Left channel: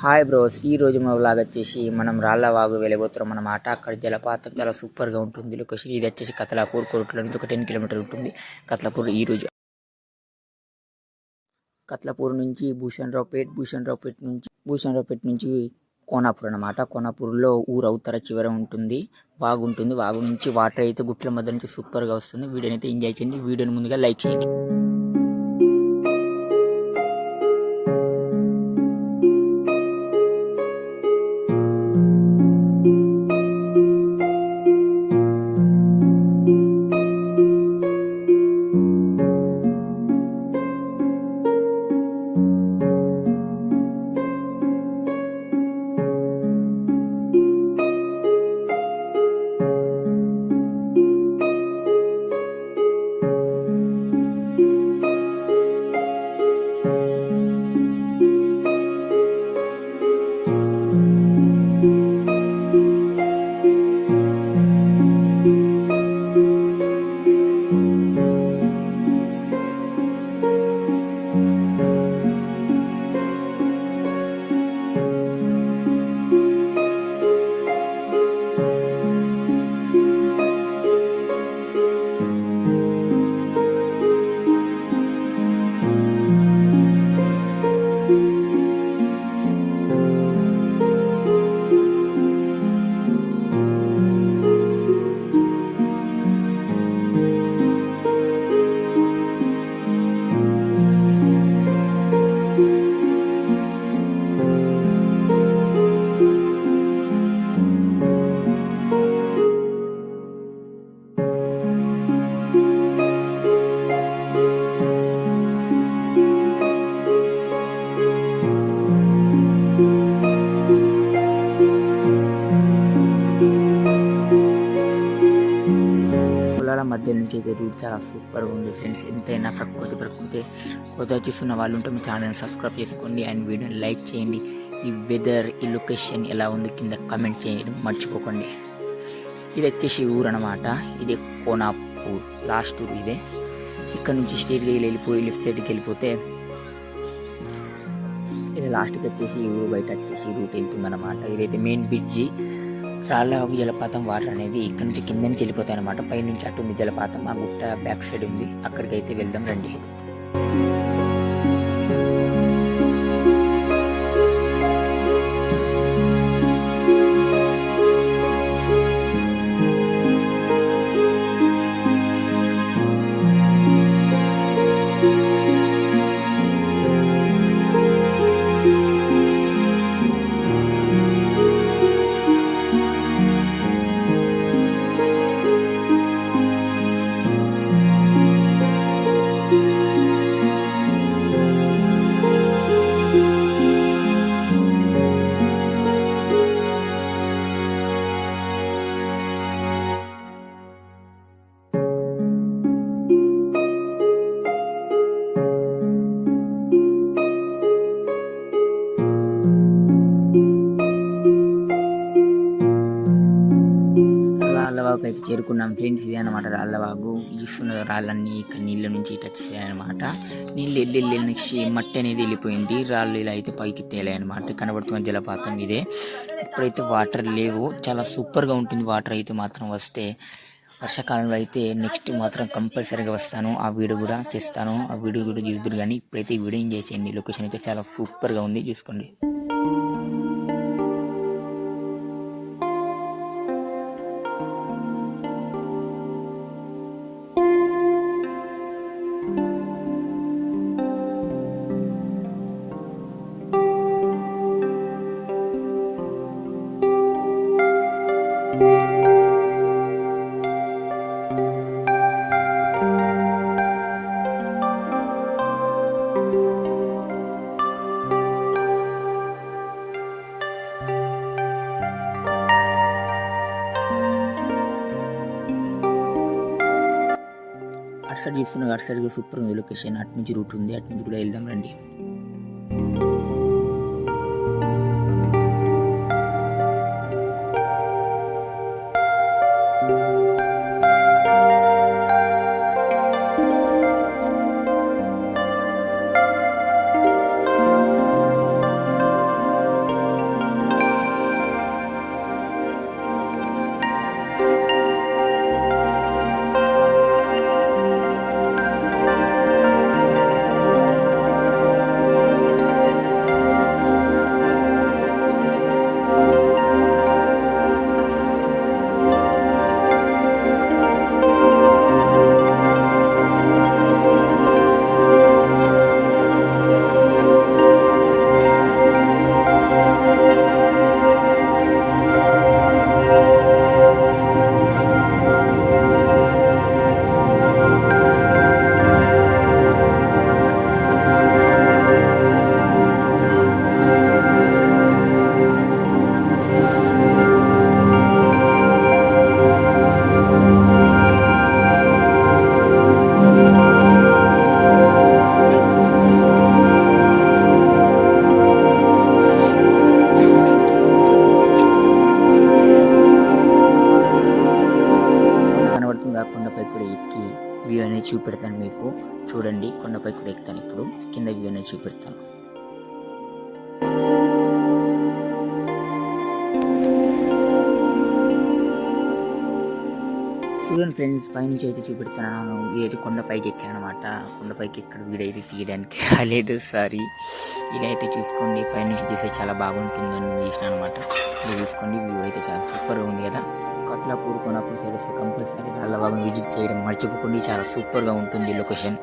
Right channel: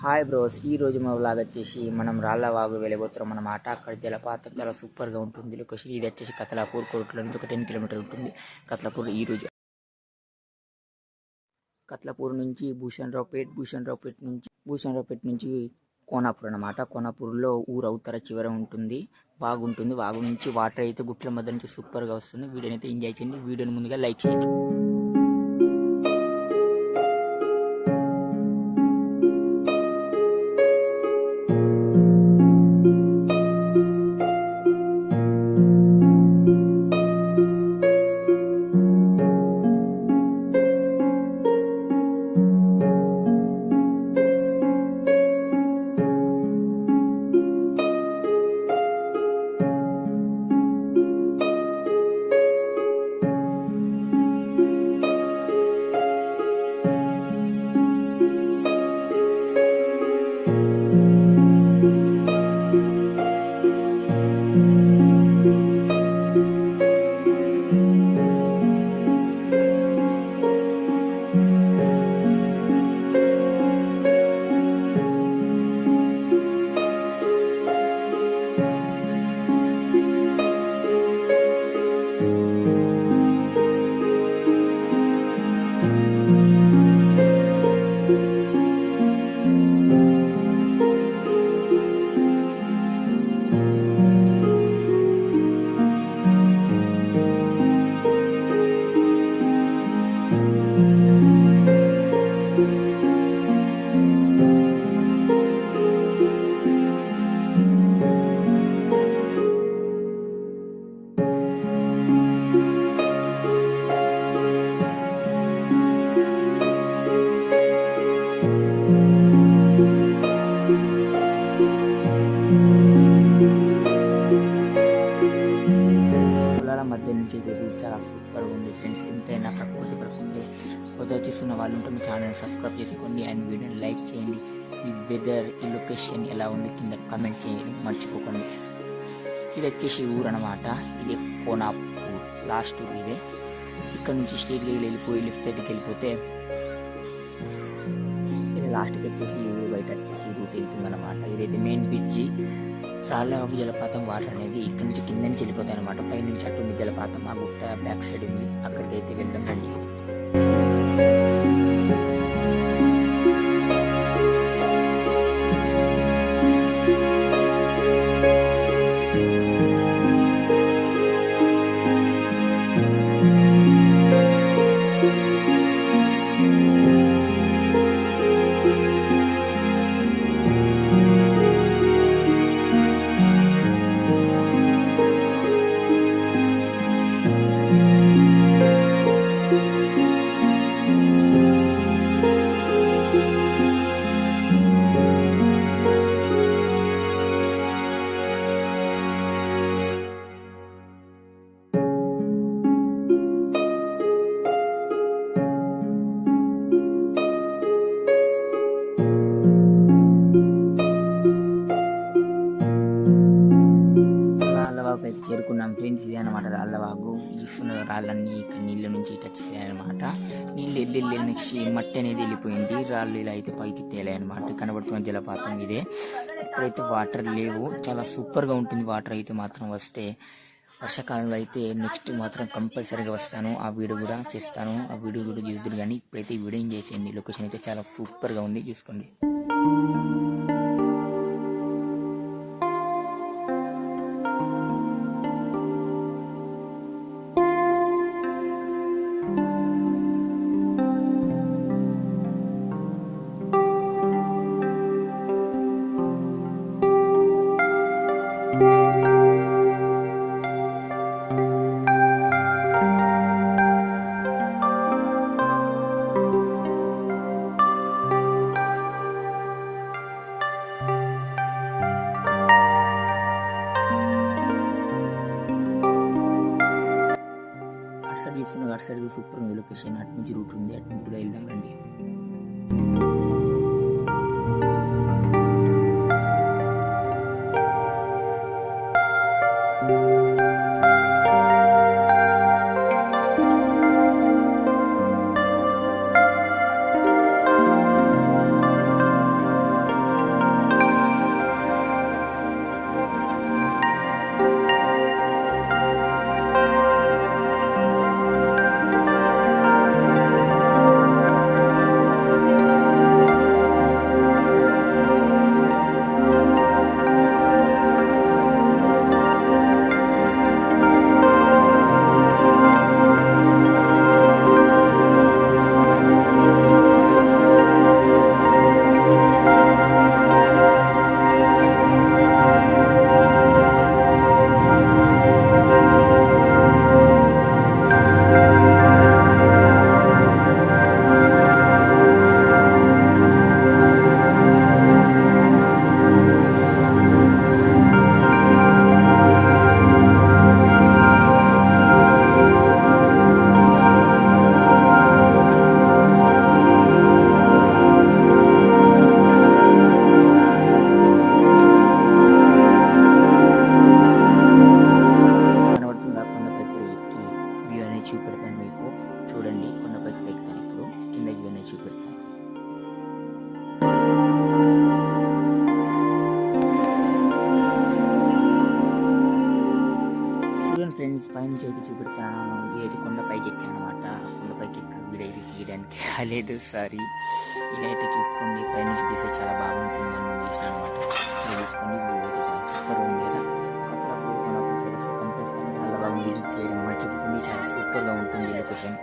Hi bros ఈ రోజు మా వ్లాగ్ వచ్చేసి మనం రాళ్ళవాగు వెళ్ళబోతున్నాం అన్నమాట. అక్కడ జలపాతం చాలా సూపర్గా ఉంటుంది. లొకేషన్ ఇది వచ్చేసి కతలాపూర్ కోర్టులో నుంచి ఒక టెన్ కిలోమీటర్ ఉంటుంది. కతలాపూర్ ఈ రోజు కత్లాపూర్ నుంచి భూషణరావుపేట్ భూషణరావుపేట్ నుంచి భూషణరావుపేట నుంచి కోనాపూర్ అన్నమాట. కోనాపూర్లో ఊరు అవుతర చివర ఉంటుంది. బాగుంటుంది వాగు నుంచి వాటర్ అయితే గుట్ల మధ్య నుంచి సూపర్గా వస్తుంది. వీడియోని అయితే ఎంజాయ్ చేయండి. వీడియోని ముందుగా లైక్ చేయండి. మధ్య నుంచి అయితే రూట్ చాలా సూపర్ ఉంది ఫ్రెండ్స్. ఎంతైనా ప్రకృతి ప్రకృతి కొత్త చూస్తున్న వాళ్ళు ఉంటే మీ ఛానల్ సబ్స్క్రైబ్ చేసుకోండి అండ్ వీడియోని లైక్ చేయండి. ఈ వెదర్ ఈ లొకేషన్ ఎలా ఉంది కింద కమెంట్ చేయడం. మర్చిపోకండి. ఇది వచ్చేసి ఊరు అనమాట ఇది కోనాపూర్. లాస్ట్ ఊరు ఇదే. ఇక్కడ నుంచి స్ట్రీట్కి వెళ్ళిపోయి లెఫ్ట్ సైడ్కి వెళ్ళిపోతే ఇది లాస్ట్కి వచ్చేసి ఈ ఊరు బయట వచ్చేసి రూట్ వెళ్తుంది అనమాట ఇదైతే మెయిన్ బ్రిడ్జి రాళ్ళవాగు జలపాతం వాటర్ అనేది ఇక్కడ నుంచి కింద నుంచి వెళ్ళిపోతాయి అనమాట పైనుంచి అటు ఉంది జలపాతం ఆ గుట్ట బ్యాక్ సైడ్ ఉంది. అక్కడికైతే వెళ్దాం రండి. అయితే చేరుకున్నాం. ఫ్రెండ్స్ ఇదే అనమాట రాళ్ళవాగు. చూస్తున్న రాళ్ళన్నీ ఇక్కడ నీళ్ళ నుంచి ఇటు చేయాలన్నమాట. నీళ్ళు వెళ్ళి వెళ్ళి నెక్స్ట్ మట్టి అనేది వెళ్ళిపోయింది. రాళ్ళు ఇలా అయితే పైకి తేలాయి అనమాట కనబడుతున్న జలపాతం ఇదే. ఇప్పుడైతే వాటర్ లేవు. చాలా సూపర్గా ఉంటుంది వాటర్ అయితే మాత్రం వస్తే. వర్షాకాలంలో అయితే నెక్స్ట్ మాత్రం కంపల్సరీగా వస్తాను. ఆ వీడియో కూడా చేస్తాను. ఆ వీడియో కూడా చూద్దరు కానీ ఇప్పుడైతే ఈ వీడియో ఎంజాయ్ చేయండి లొకేషన్ అయితే చాలా సూపర్గా ఉంది. చూసుకోండి. అటు సైడ్ చూస్తున్నా అటు సైడ్ సూపర్ ఉంది లొకేషన్. అటు నుంచి రూట్ ఉంది అటు నుంచి కూడా వెళ్దాం రండి. చూపెడతాను మీకు. చూడండి కొండపై కూడా ఎక్కుతాను ఇప్పుడు. కింద వ్యూ అనేది చూపెడతాను. చూడండి ఫ్రెండ్స్ పైనుంచి అయితే చూపెడుతున్నాను. ఇదైతే కొండపైకి ఎక్కాను అనమాట కొండపైకి ఎక్కడ వీడైతే తీయడానికి రాలేదు. సారీ. ఇలా అయితే చూసుకోండి. పైనుంచి తీస్తే చాలా బాగుంటుందని చేసిన అనమాట ఇది చూసుకోండి. వ్యూ అయితే చాలా సూపర్ ఉంది కదా. కొత్తలాపూర్ కోనాపూర్ సైడ్ వస్తే కంపల్సరీ రాళ్ళబాబుని విజిట్ చేయడం మర్చిపోకుండా. చాలా సూపర్గా ఉంటుంది లొకేషన్.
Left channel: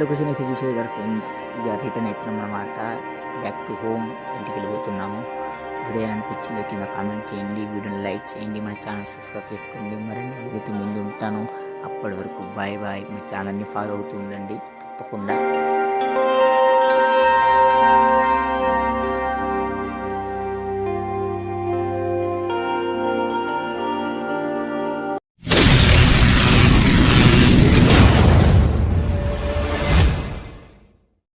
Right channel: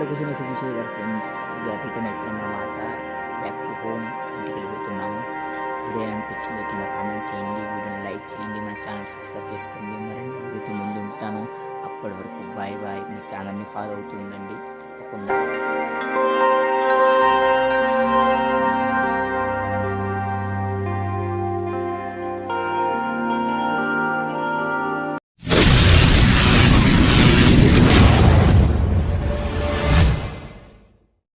లొకేషన్ అయితే చూసేది కదా ఫ్రెండ్స్ ఇక రిటర్న్ అవుతున్నాం అనమాట బ్యాక్ టు హోమ్ ఇంటికి వెళ్ళిపోతున్నాము వీడియో అనిపించింది? కింద కామెంట్ చేయండి. వీడియోని లైక్ చేయండి. మన ఛానల్ సబ్స్క్రైబ్ చేసుకోండి. మరిన్ని వీడియోతో ముందు ఉంటాను అప్పటి వరకు బాయ్ బాయ్ మీ ఛానల్ని ఫాలో అవుతూ ఉండండి తప్పకుండా.